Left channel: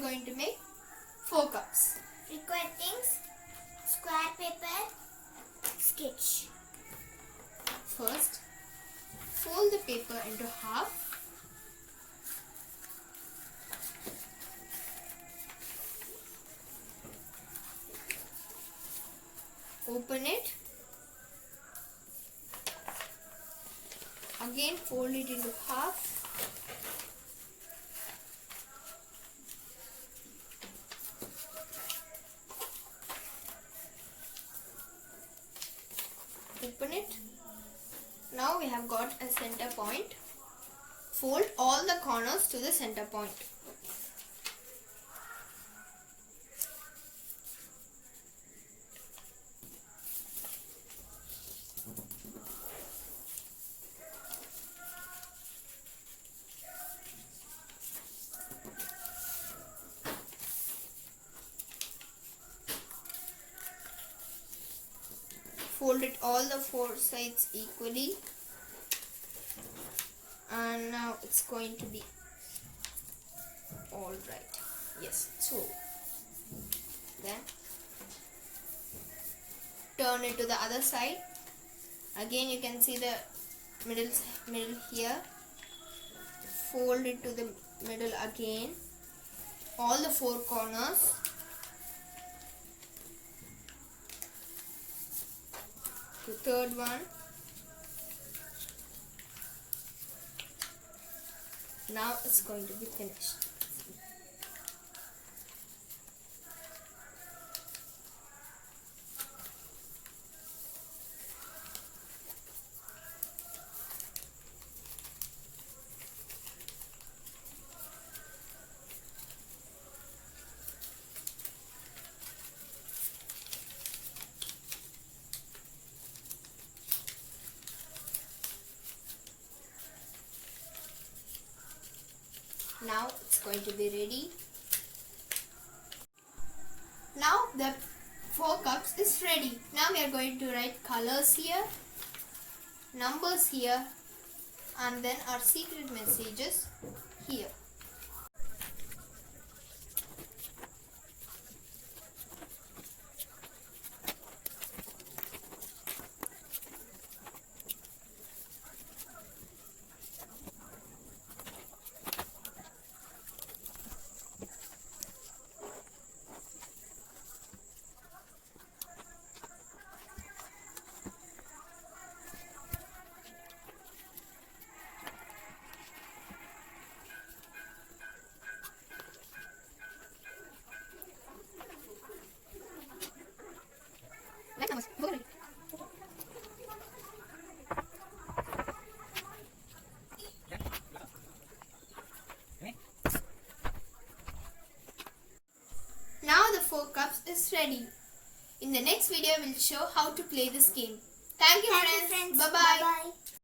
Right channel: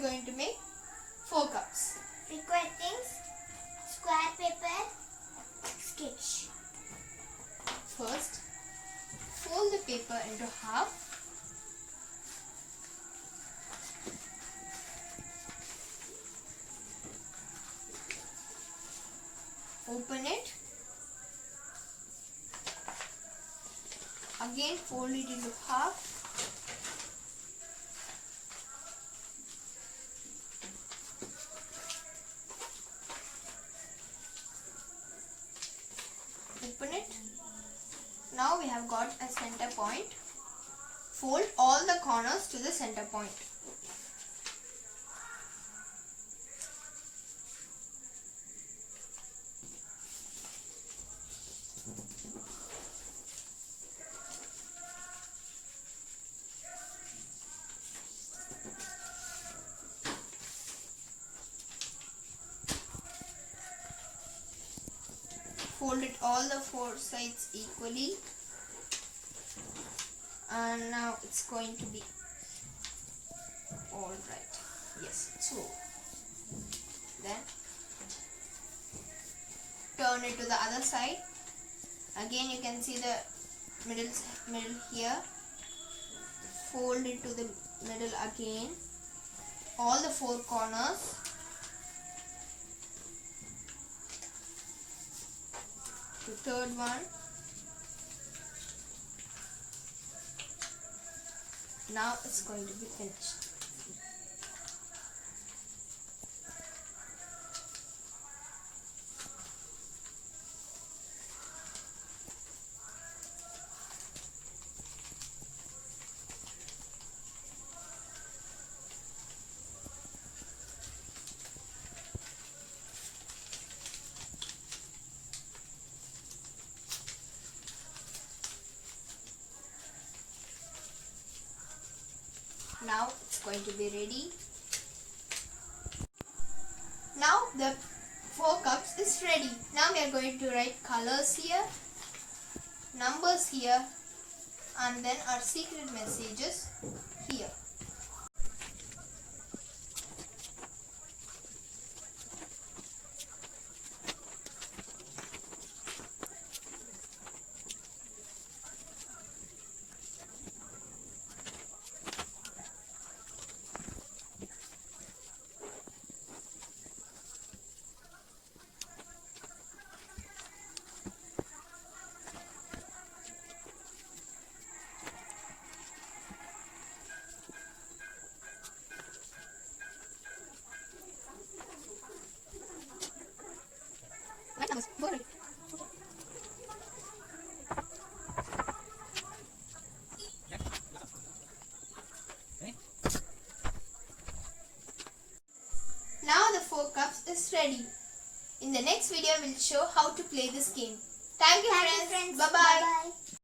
are going to make 4 cups. Required things: square paper, sketch. First, fold the paper into half. Open it. Again fold it into half. Open it. Now we have got a center point. Fold all the corners to the center point. Fold it all the 4 sides equally, and now it's going to be all right. Yes, so then turn it to the other side. Again, you can see the middle here. Fold it to the middle again, all the 4 corners. The third one. Now it's going to be finished. Now it's going to be ready. Now the 4 cups is ready. Now we are going to write colors here, numbers here, and then our secret messages here. Now the 4 cups is ready. In the next video, we'll show how to play this game. Thank you, friends. Friends. Bye-bye. Bye-bye.